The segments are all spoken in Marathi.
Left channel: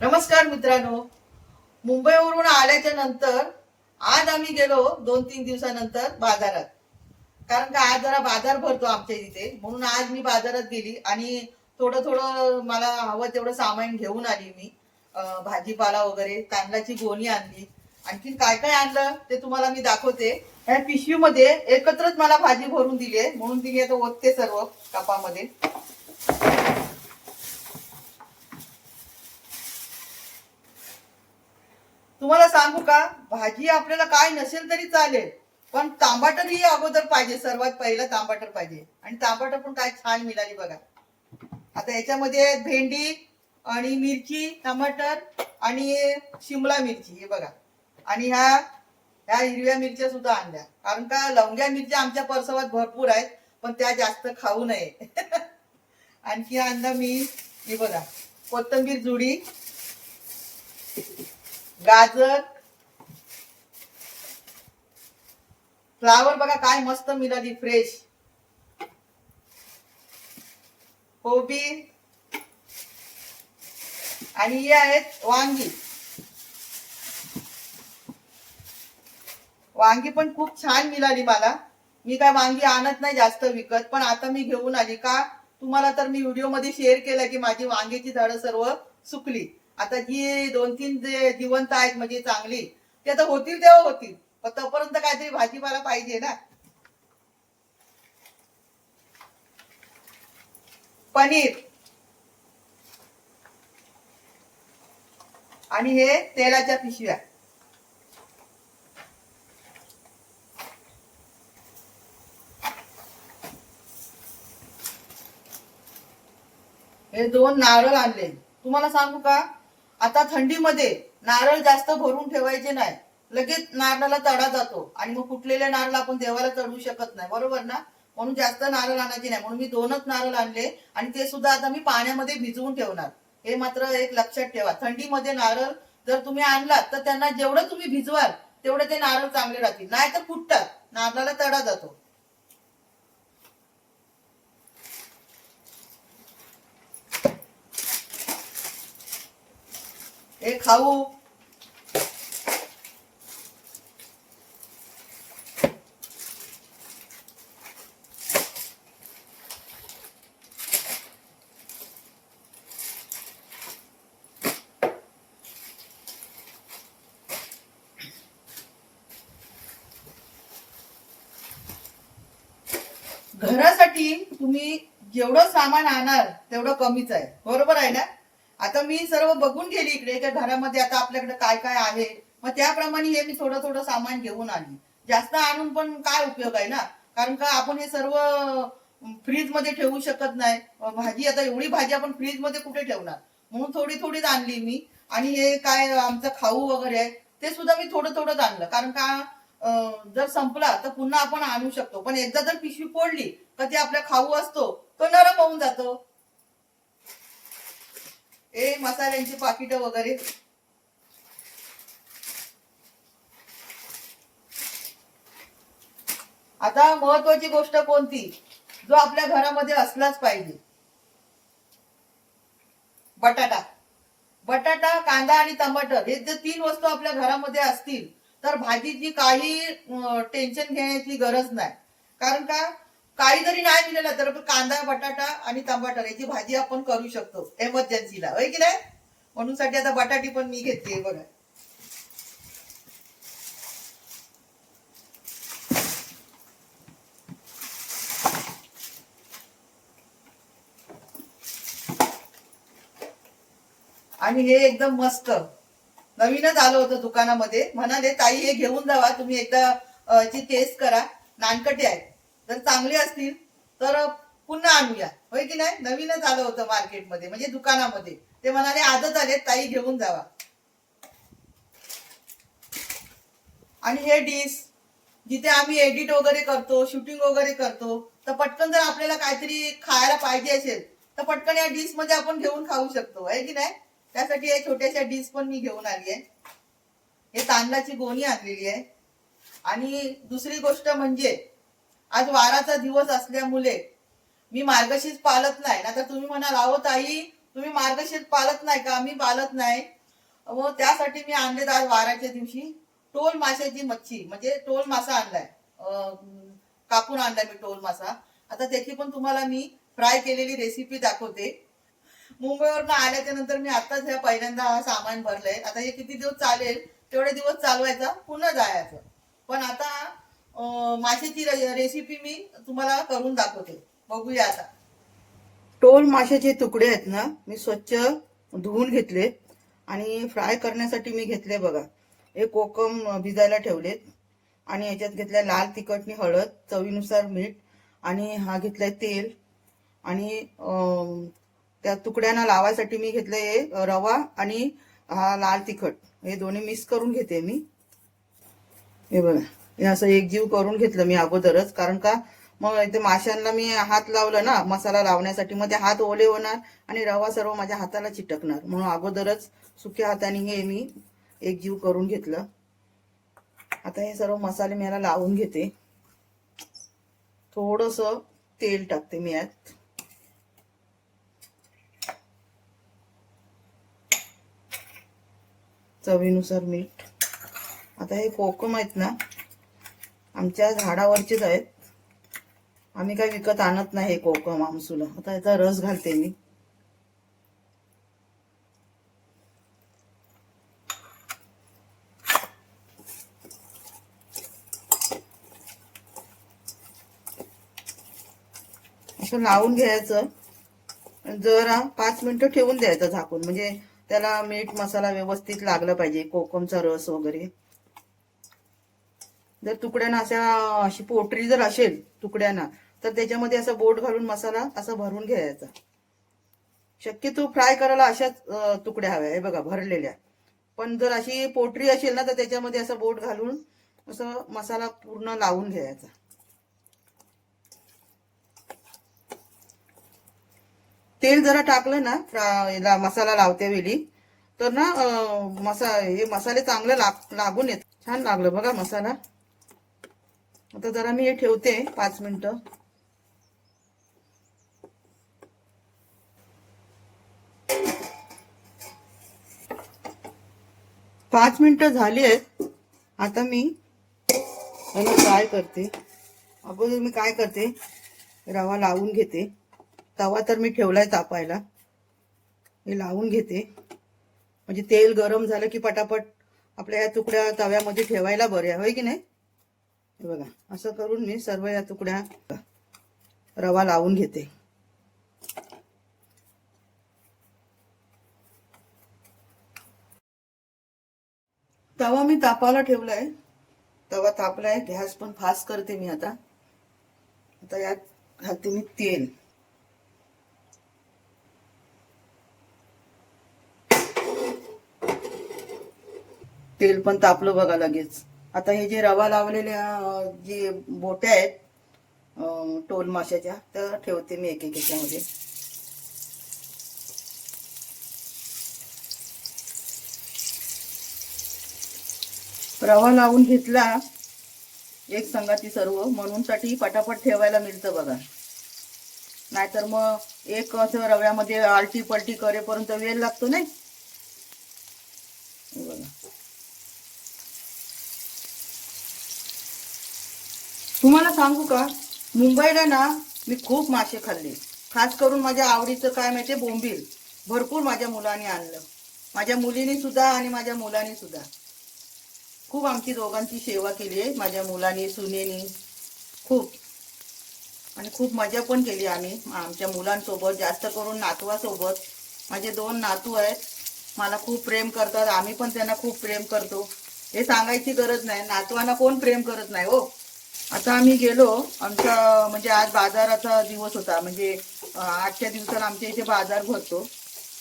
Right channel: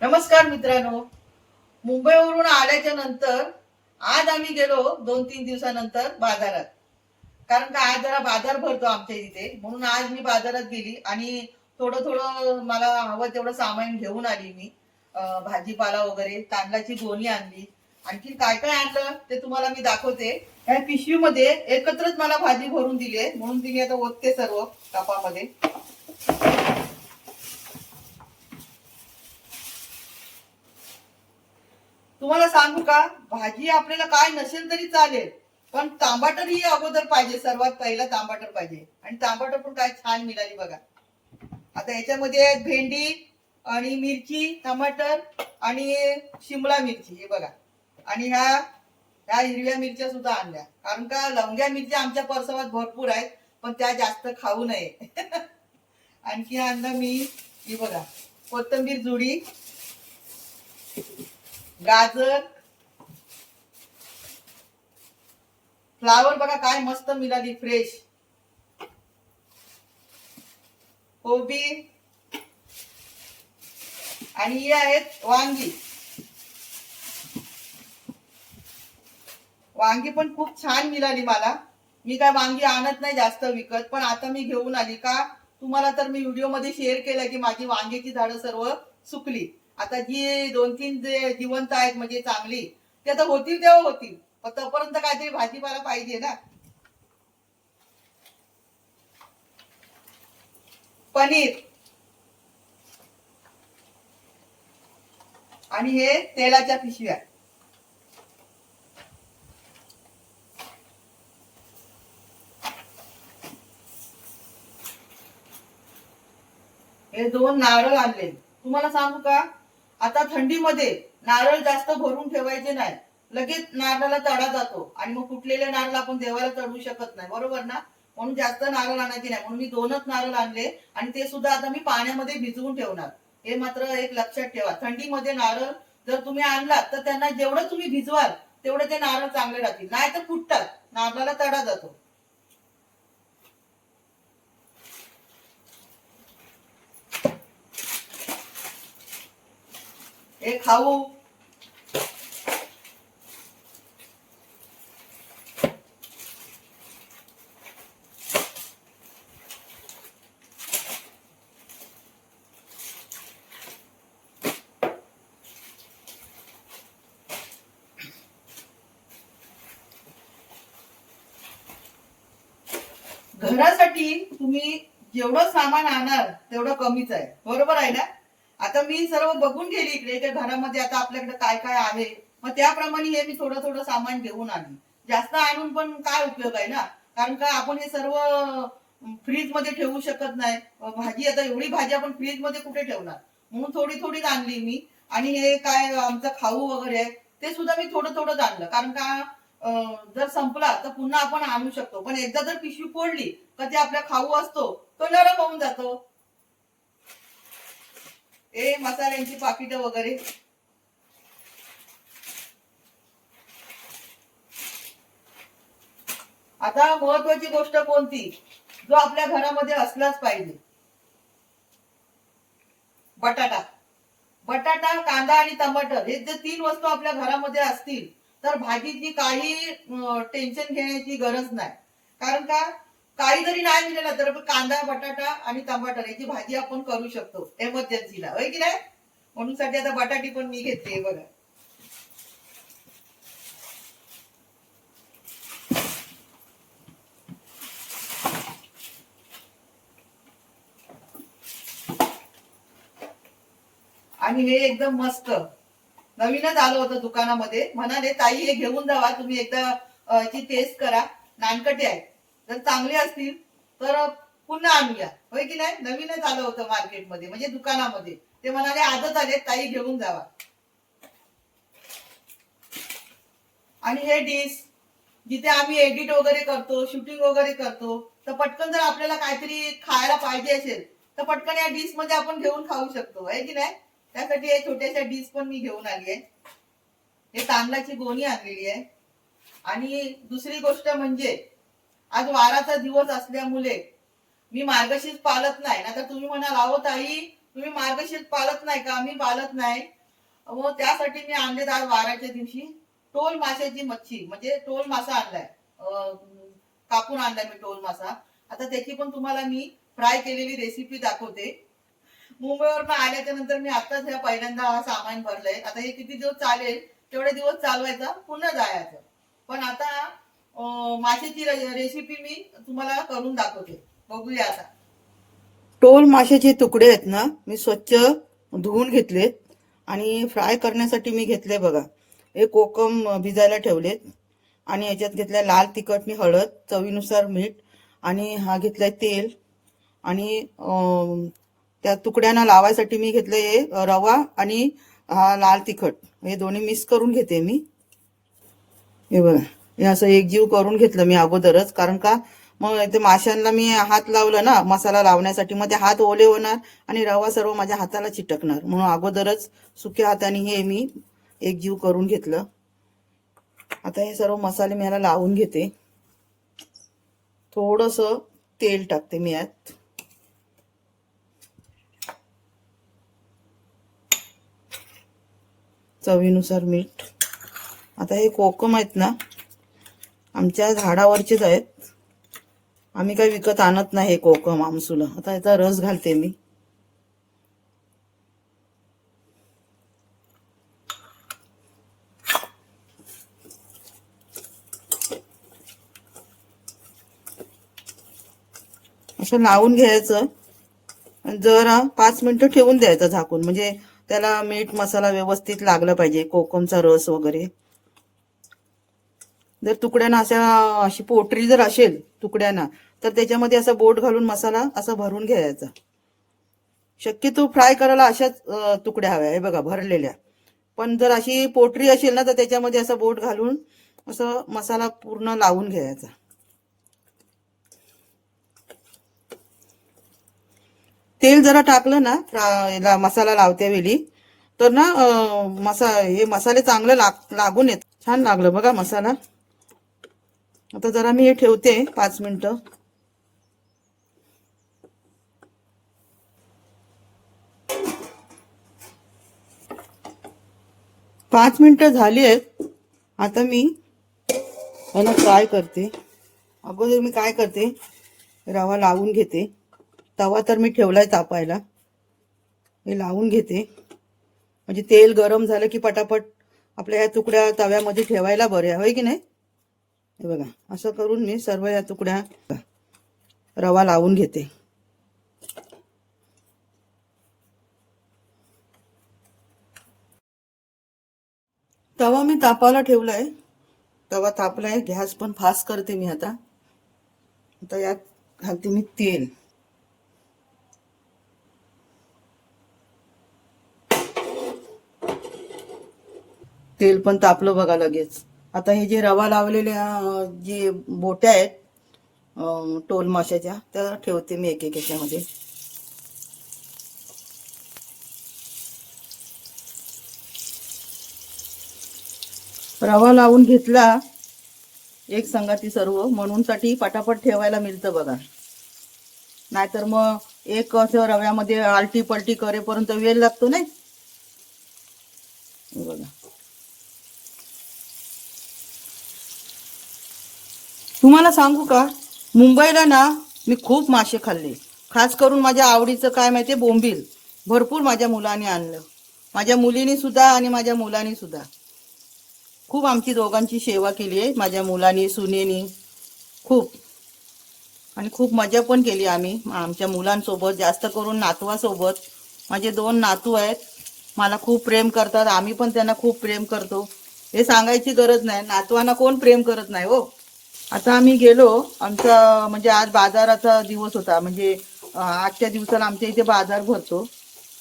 नमस्कार मित्रांनो. मुंबईवरून आल्याच्यानंतर आज आम्ही गेलो दोन तीन दिवसानंतर बाजारात. कारण का आज जरा बाजार भरतो आमच्या इथे. म्हणून आज मी बाजारात गेली आणि थोडं थोडं मला हवं तेवढं सामान घेऊन आली मी. भाजीपाला वगैरे तांदळाची गोणी आणली. आणखी काय काय आणलं ते तुम्हाला मी दाखवते. ह्या पिशवीमध्ये एकत्रच मला भाजी भरून दिली आहे. म्हणून तिने आता ओतते सर्व कपामध्ये. तुम्हाला सांगू का? भाजी आपल्याला काय नसेल तरी चालेल. पण तांबाटर ही अगोदर पाहिजे सर्वात पहिला तांबाटर पाहिजे. आणि तांबाटर पण काय छान मिळाली बघा. आता याच्यामध्ये भेंडी आणि मिरची टमाटर आणि शिमला मिरची हे बघा. आणि ह्या ह्या हिरव्या मिरच्या सुद्धा आणल्या. कारण का लवंग्या मिरच्या आमच्या परसवात भरपूर आहेत पण त्या जास्त खाऊ नये. आणखी आणलं मी हे बघा. कोथिंबीर जुडी. गाजर. फ्लावर बघा काय मस्त मिळाली फ्रेश कोबी. आणि हे आहेत वांगी. वांगी पण खूप छान मिळाली मला. मी काय वांगी आणत नाही जास्त विकत पण आता मी घेऊन आली का तुम्हाला तर मी व्हिडिओमध्ये शेअर केलं की माझी वांग्याची झाडं सर्व सुकली. आता जी दोन तीन जे जिवंत आहेत म्हणजे चांगली ते आता होतील तेव्हा होतील. पण तोपर्यंत काहीतरी भाजीपाला पाहिजे ना. पनीर. आणि हे तेलाच्या पिशव्या. हे दोन नारळ आणले. तुम्हाला सांगू का? आता थंडीमध्ये नारळ जास्त भरून ठेवायचे नाही. लगेच नारळाला तडा जातो आणि मग फुटलेले नारळ आपण देवाला चढवू शकत नाही. बरोबर ना? म्हणून जास्त नारळ आणायचे नाही. म्हणून मी दोनच नारळ आणले आणि ते सुद्धा आता मी पाण्यामध्ये भिजवून ठेवणार. हे मात्र एक लक्षात ठेवा. थंडीमध्ये नारळ जर तुम्ही आणलात तर त्यांना जेवढं तुम्ही भिजवाल तेवढे ते नारळ चांगले राहतील. नाही तर फुटतात. नारळाला तडा जातो. हे खाऊ घरासाठी तुम्ही जेवढं सामान आणाल तेवढं कमीच आहे. बरोबर आहे ना? आता मी सर्व बघून गेली इकडे त्या घरामध्ये आता आपल्याकडे काय काय आहे. मग त्याप्रमाणे हे मी थोडं थोडं सामान घेऊन आली. जास्त आणून पण काय उपयोग आहे ना? कारण का आपण हे सर्व फ्रीजमध्ये ठेवू शकत नाही. भाजी आता एवढी भाजी आपण फ्रीजमध्ये कुठे ठेवणार? म्हणून थोडी थोडीच आणली मी. आणि हे काय आमचं खाऊ वगैरे आहे ते सुद्धा मी थोडं थोडंच आणलं. कारण का जर संपला तर पुन्हा आपण आणू शकतो. पण एकदा जर पिशवी फोडली तर ते आपला खाऊ असतो तो नरम होऊन जातो. हे मसाल्यांची पाकिटं वगैरे. आता महत्वाची गोष्ट कोणती? जो आपल्या घरामध्ये असलाच पाहिजे. बटाटा. बटाटा कांदा आणि टमाटर हे जर तीन वस्तू आपल्या घरामध्ये असतील तर भाजीची काही टेन्शन घेण्याची गरज नाही. कारण का? काही जरी नाही मिळाला तर कांदा बटाटा आणि टमाटर याची भाजी आपण करू शकतो एमर्जन्सीला होय की नाही? म्हणून साठी आता बटाटी पण मी घेते बघा. आणि हे एकदम मस्त. नवीनच आलं होतं दुकानामध्ये. म्हणाले ताई हे घेऊन जावा. तुम्ही एकदा याची टेस्ट करा. नानकटे आहेत जर चांगले असतील तर पुन्हा आणूया. होय की नाही? नवीनच आलं होतं मार्केटमध्ये म्हणजे दुकानामध्ये. ते म्हणाले आजच आले ताई घेऊन जावा. आणि हे डिश जिथे आम्ही एडिट वगैरे करतो शूटिंग वगैरे करतो तर पटकन जर आपल्याला काहीतरी खायला पाहिजे असेल तर पटकन या डिशमध्ये आपण घेऊन खाऊ शकतो. आहे की नाही? त्यासाठी हे छोट्याशा डिश पण मी घेऊन आली आहे. हे तांदळाची गोणी आणलेली आहे. आणि दुसरी गोष्ट म्हणजे आज वाराचा दिवस असल्यामुळे मी मार्गशीर्ष पाळत नाही. ना तर तुम्ही म्हणाल अहो ताई तुम्ही मार्गशीर्ष पाळत नाही का? मी पाळत नाही. व त्यासाठी मी आणले आज वाराच्या दिवशी टोल माशाची मच्छी म्हणजे टोल मासा आणलाय. कापून आणलाय मी टोल मासा. आता त्याची पण तुम्हाला मी फ्राय केलेली रेसिपी दाखवते. मुंबईवरनं आल्याच्यानंतर मी आताच ह्या पहिल्यांदा हा सामान भरलंय. आता हे किती दिवस चालेल तेवढे दिवस चालवायचा पुन्हा जायचं. पण आता माशाची रेसिपी मी तुम्हाला करून दाखवते. बघूया आता. टोल माशाचे तुकडे आहेत ना मी स्वच्छ धुवून घेतलेत आणि फ्राय करण्यासाठी मी घेतले बघा. हे कोकम भिजायला ठेवलेत आणि याच्यात घेतल्या लाल तिखट मी हळद चवीनुसार मीठ आणि हा घेतलाय तेल आणि त्या तुकड्यांना लावायसाठी मी घेतलंय हे रवा आणि हा लाल तिखट. हे दोन्ही मिक्स करून घेते मी. हे बघा. हे असं एकजीव करून घेतलं मी अगोदरच. कारण का? मग ते माशांना मी हात लावला ना मसाला लावण्यासाठी मग ते हात ओले होणार आणि रवा सर्व माझ्या हाताला चिटकणार. म्हणून अगोदरच सुक्या हाताने हे मी एकजीव करून घेतलं. आता हे सर्व मसाले मी याला लावून घेते. थोडस तेल टाकते मी यात. चवीनुसार मीठ. आता हे कोकम आहेत ना आमच्या झाडावरचेच आहेत. आम्ही काही विकत आणत नाही कोकम आमसूला. आता याचा रस घालते मी. असं लावून घ्यायचं. जरा पाच मिनिटं ठेवून द्यायचं झाकून. म्हणजे त्याला मीठ मसाला व्यवस्थित लागला पाहिजे कोकमचा रस वगैरे. जर तुकड्यानं अशा अशी पोटरी जर असेल तुकड्यानं तर त्याच्यामध्ये असा बोट घालून मसाला असा भरून घ्यायचा. शक्यतो फ्राय करायला अशाच तुकड्या हव्या हे बघा भरलेल्या. पण जर अशी पोटरी असेल ना तर त्याच्यामध्ये असा बोट घालून असं मसाला पूर्ण लावून घ्यायचा. तेल जरा टाकलं ना फ्रा- मसाला लावत्या वेळी तर ना मसा हे मसाले चांगले लाग लागून येत. छान लागलं बघा मसाला. आता जरा मी हे ठेवते पाच मिनिटं. पाच मिनिटं झाली आहेत आता मी याला फ्राय करते. अगोदर मी काय करते? रवा लावून घेते. तवा तर मी ठेवलाय तापायला. हे लावून घेते. म्हणजे तेल गरम झालं की पटापट आपल्या या तुकड्या तव्यामध्ये ठेवायला बरे होय की नाही? हे बघा असं करून मी सर्व या तुकड्या रवा लावून घेते. तवा मी तापायला ठेवलाय. तवा तापलाय गॅस पण फास्ट करते मी आता. आता यात घालते मी तेल. तेल पण तापलं बघा लगेच. आता हे जे रवा लावलेल्या जे बोट्या आहेत टोल माशाच्या त्या ठेवते मी एक एक याच्यामध्ये. रवा लावून घेतला एक संगाती सर्व म्हणूनसाठी पटापट ठेवायला मिळतं बघा. नाहीतर मग एक असं रव्यामध्ये आलटी पलटी करेपर्यंत वेळ लागतो नाही हे बघा तुम्हाला सांगू का? मुंबईला ना मी खूप मासे खाल्ले. खास करून माझ्या आवडीचं काय माहितीये? बोंबील. भरपूर माझ्या मुलाने आणलं. माझ्या मुलीने सुद्धा आणि माझ्या मुलाने सुद्धा. खूप आमची दोघांची सेवा केली आहे. माझ्या मुलांनी सुनेनी. खूप. आणि खूप मजा पण केली आम्ही. आमच्या मुलांसोबत जास्त करून नातवासोबत. माझे दोन नातू आहेत. मला खूप प्रेम करतात. आम्ही पण त्यांना खूप प्रेम करतो. हे सांगायची गरज नाही. नातवांना कोण प्रेम करत नाही हो. आता आम्ही गेलो आमचा म्हणजे आज बाजाराचा दिवस होता. म्हणजे आजच्या दिवसाला आमच्या इथे बाजार भरतो.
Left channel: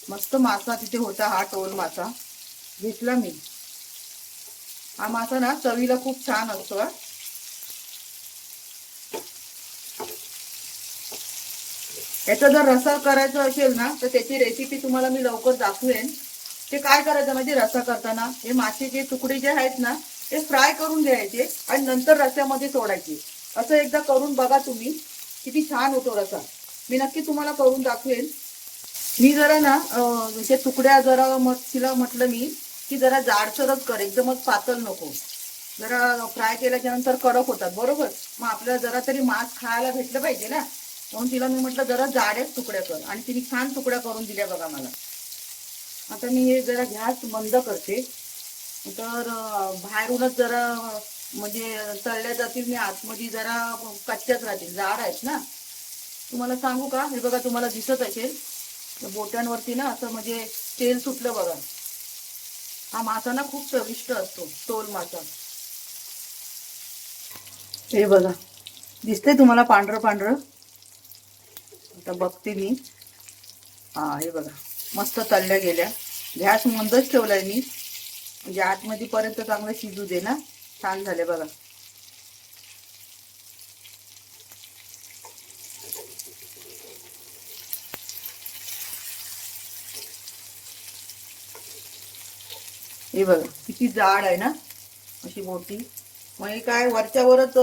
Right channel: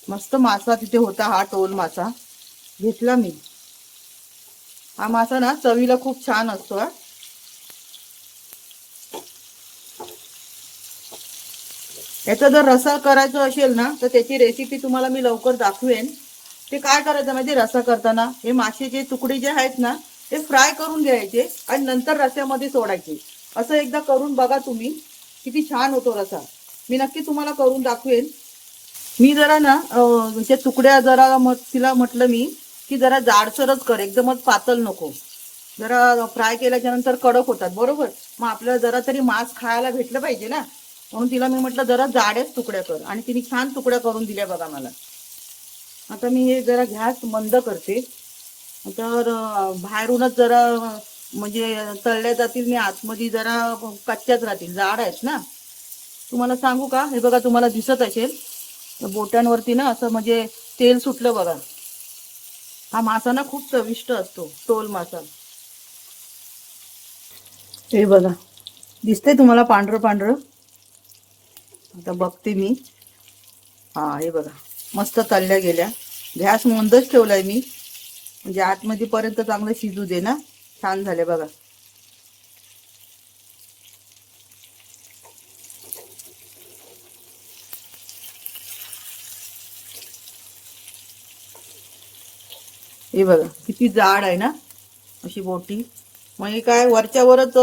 मस्त मासा तिथे होता हा टोल मासा. घेतला मी. हा मासा ना चवीला खूप छान असतो हा. याचा जर रसा करायचं असेल ना तर त्याची रेसिपी तुम्हाला मी लवकर दाखवेन. ते काय करायचं म्हणजे रसा करताना? हे मासेचे तुकडे जे आहेत ना ते फ्राय करून घ्यायचे आणि नंतर रस्यामध्ये सोडायचे. असं एकदा करून बघा तुम्ही. किती छान होतो रसा. मी नक्की तुम्हाला करून दाखवेन. मी जरा ना म्हणजे तुकड्या जरा मग तिला म्हटलं मी की जरा जाडसरच कर. एकदमच पातळ नको. जरा फ्राय केल्याच्यानंतर कडक होतात. बरोबर? मग आपल्याला जरा तरी मांस खायला भेटलं पाहिजे ना. म्हणून तिला मी म्हटलं जरा जाडेच तुकड्या कर. आणि तिने छान तुकड्या करून दिल्या बघा मला. आता मी हे जरा गॅस मंद करते. तर बाहेरूनच जरा म्हणजे तळल्या जातील मी आतमध्ये जरा कच्च्याच राहतील. जाड आहेत ना. तुम्हाला सांगू का? हे बघा तुम्हाला दिसत असेल. बोटांवरती ना असं म्हणजे तेल सुटलं बघा. हा मासा ना खूप चविष्ट असतो टोल मासा. हे बघा. दिसतंय तुम्हाला पांढरं पांढरं? आता बघते मी. हा हे बघा. मस्त तळल्या गेल्या. गॅस मंदच ठेवलाय मी. म्हणजे आतमध्ये पर्यंत चांगलं शिजू दे ना. छान झाले बघा. हे बघा किती जाड आहे ना अशी बोटी म्हणजे काय वरच्यावरच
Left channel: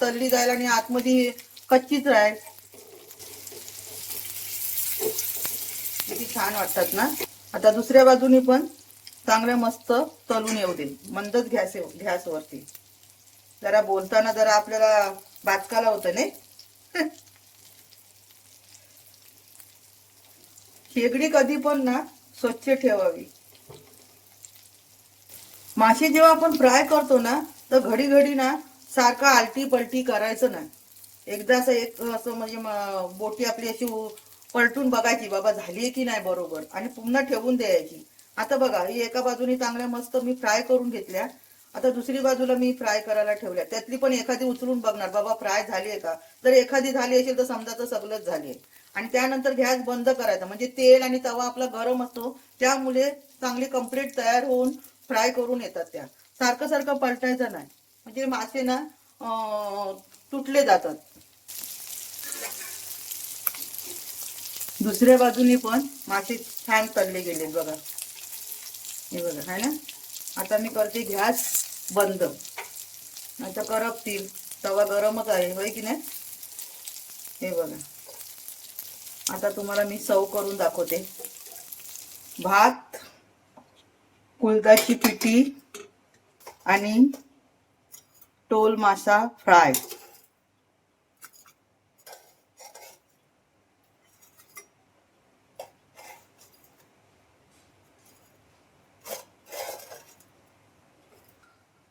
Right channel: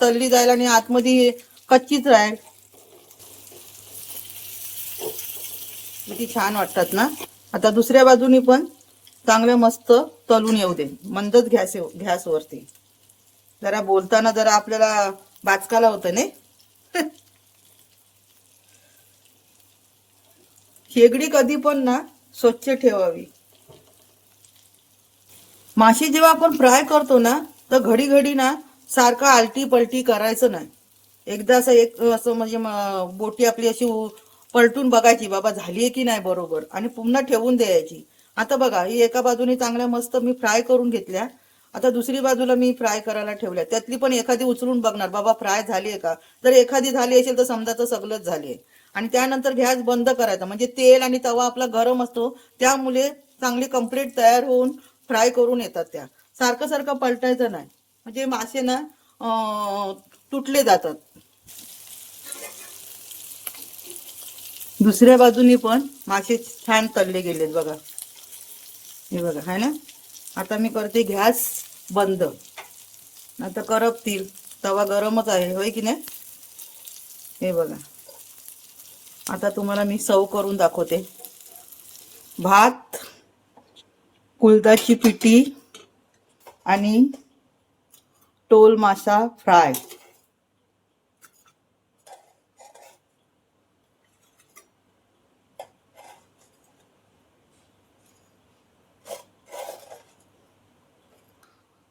तल्ली जाईल आणि आतमध्ये कच्चीच राहील. किती छान वाटतात ना. आता दुसऱ्या बाजूनी पण चांगलं मस्त तळून येऊ दे. मंदच गॅस वरती. जरा बोलताना जरा आपल्याला बाचकाला होतं नाही शेगडी कधी पण ना स्वच्छ ठेवावी. मासे जेव्हा आपण फ्राय करतो ना तर घडी घडी ना सारखं आलटी पलटी करायचं नाही. एकदा असं एक असं म्हणजे बोटी आपली अशी पलटून बघायची बाबा झालीये की नाही बरोबर? आणि पुन्हा ठेवून द्यायची. आता बघा ही एका बाजूने चांगल्या मस्त मी फ्राय करून घेतल्या. आता दुसरी बाजूला मी फ्राय करायला ठेवल्या. त्यातली पण एखादी उचलून बघणार बाबा फ्राय झाली आहे का? जर एखादी झाली असेल तर समजा तर सगळंच झाली आहे. आणि त्यानंतर गॅस बंद करायचा म्हणजे तेल आणि तवा आपला गरम असतो त्यामुळे चांगली कंप्लीट तयार होऊन फ्राय करून येतात त्या. सारखं सारखं पलटायचं नाही. म्हणजे मासे ना तुटले जातात. दुसऱ्या बाजूनी पण मासे छान तळले गेलेत बघा. हे बघा है ना? आता मी करते गॅस बंद. आता करपतील. तवा गरमच आहे होय की नाही? हे बघा. आता तुम्हाला मी सव करून दाखवते. भात कुलदाची पिठी आणि टोल मासा फ्राय.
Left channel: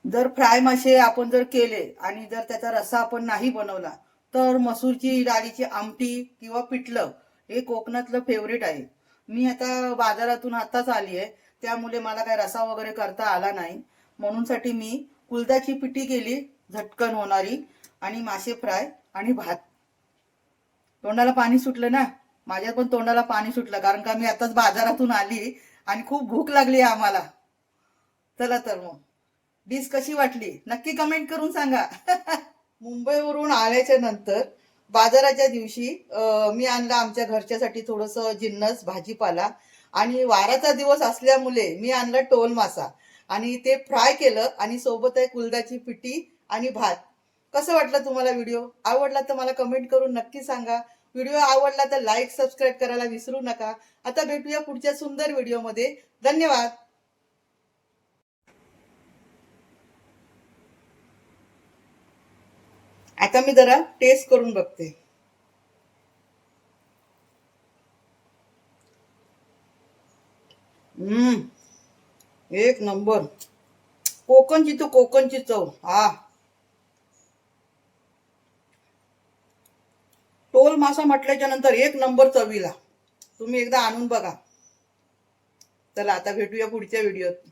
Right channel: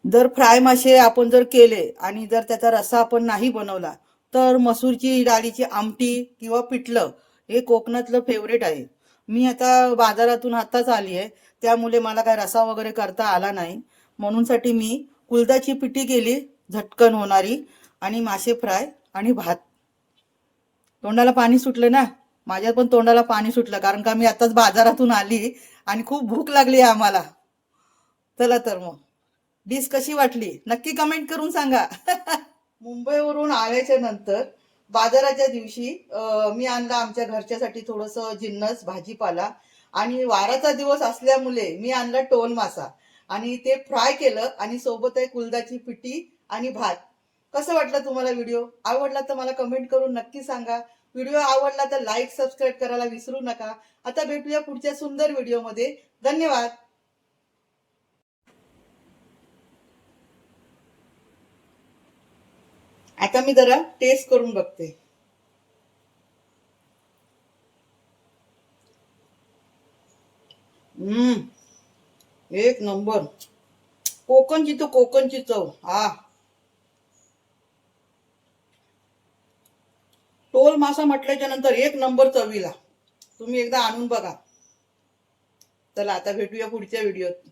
जर फ्राय मासे आपण जर केले आणि जर त्याचा रस्सा आपण नाही बनवला तर मसूरची डाळीची आमटी किंवा पिठलं हे कोकणातलं फेवरेट आहे. मी आता बाजारातून आताच आली आहे त्यामुळे मला काय रसा वगैरे करता आला नाही. म्हणूनसाठी मी कुलदाची पिठी केली झटकन होणारी आणि मासे फ्राय आणि भात. तोंडाला पाणी सुटलं ना? माझ्या पण तोंडाला पाणी सुटलं कारण का मी आताच बाजारातून आली आणि खूप भूक लागली आहे आम्हाला. चला तर मग. डिश कशी वाटली? नक्की कमेंट करून सांगा. मुंबईवरून आल्याच्यानंतर बाजाराच्या दिवशी मी आणला आमच्या घरच्यासाठी थोडस जिन्नस भाजीपाला आणि वाराचा दिवस असल्यामुळे मी आणला टोल मासा. आणि ते फ्राय केलं आणि सोबत आहे कुलदाची पिठी आणि भात. कसं वाटलं तुम्हाला व्हिडिओ आवडला तर मला कमेंट करून नक्की सांगा. व्हिडिओ आवडला तर लाईक सबस्क्राईब करायला विसरू नका. आता भेटूया पुढच्या सुंदर व्हिडिओमध्ये धन्यवाद. आता मी जरा टेस्ट करून बघते. हम्म. एक नंबर. कोकणची तो कोकणची चव. हा. टोल मासा म्हटल्याच्या नंतर एक नंबर चवीला. तुम्ही एकदा आणून बघा. चला आता भेटूया पुढच्या व्हिडिओत